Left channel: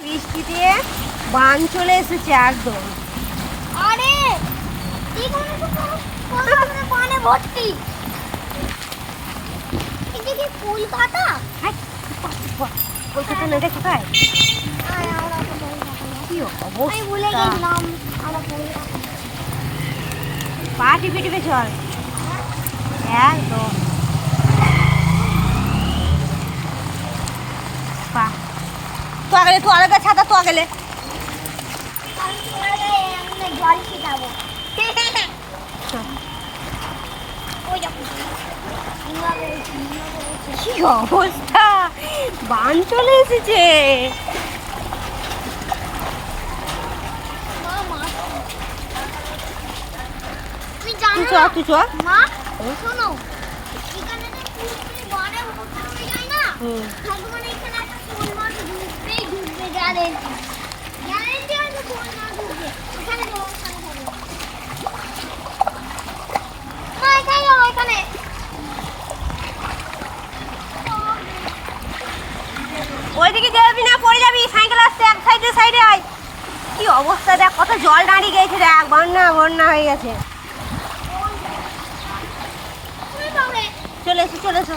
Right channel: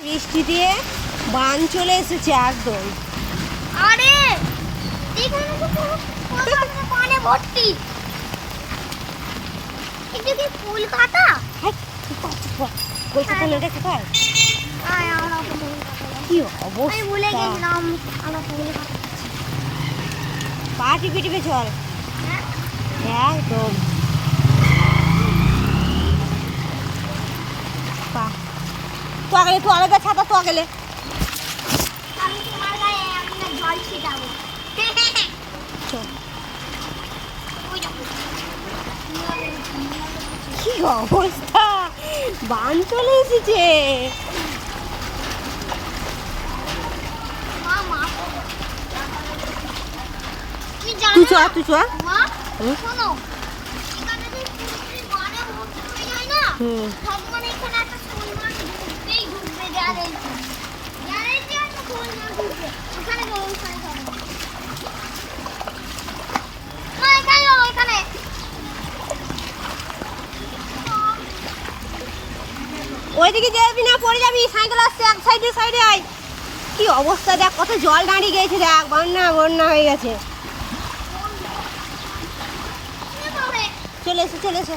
বৃষ্টি দিয়ে বান চলে এসেছে একদম। আরে দেখুন তো পুরো পানে ভর্তি। এটা কি কলকাতা? হ্যাঁ কলকাতা না, এটা কোথায়? আয় আমরা তো কলকাতা যাই। কি আমি ভুলে অবস্থা, গেছিলাম আমরা কলকাতা। পা টিপে টিপে চল হ্যাঁ একদম। পা তো আগেলে, তো আলাদা ছাতা তো আগেলে। আমি তোমার গায়ে আমি না জল ছিটাবো। ওই দেখো কি অবস্থা, বান চলে এসেছে। মা তুমি তুই চ, জানো তুই চ। মা শোনো, এখানে যে পুরোপুরি বারে ভর্তি হয়ে যায় না, ভগবান এখানে একটা শোল মাছ ঢুকবে গ্যারেন্টি আছে শোল মাছ ঢুকবে এখানে। না এখানে ওইদিকে যাবি না, পড়ে যাবি, সাইকেল আসছে এক সাইডে সাইডে আয়। কি অবস্থা দেখ, কত জল দাঁড়িয়ে গেছে দেখ, বন্যা বন্যা হয়ে গেছে। চলে এসো চলে এসো,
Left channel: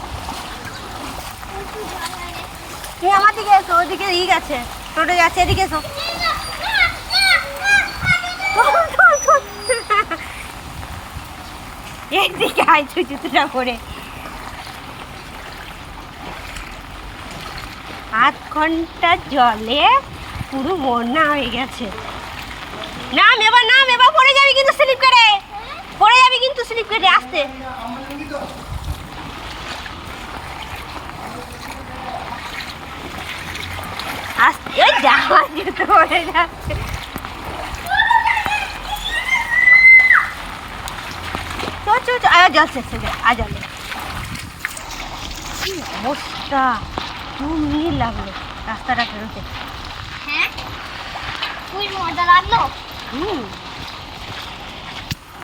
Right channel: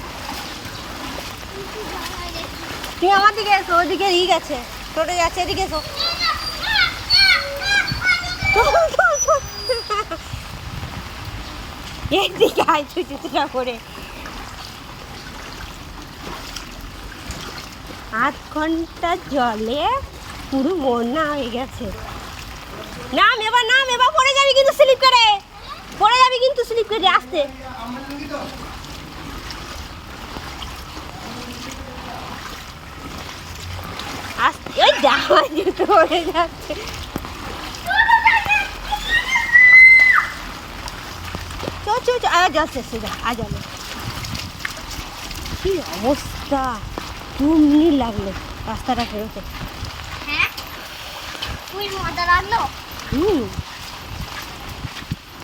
তুমি আমার দিকে এসো, ওইদিকে ই গেছে, টোটো যাচ্ছে, এদিকে এসো। এদিকে আয় ছুচুটা করে। 8 ঘন্টা জলে পুরো বন্যা হয়ে গেছে। নাম এবার পড়ে যাবি কিন্তু স্লিপ করে, পড়ে যাবি কিন্তু স্লিপ করে। আসতে আসতে, ওই জামা জুতো পড়ে যাচ্ছে। যাচ্ছে যা, আজ জলে কি অবস্থা, 2 মিনিট লাগলো রাস্তাটা ফেরোতে। হ্যাঁ তুই মজা লাগলো। হুম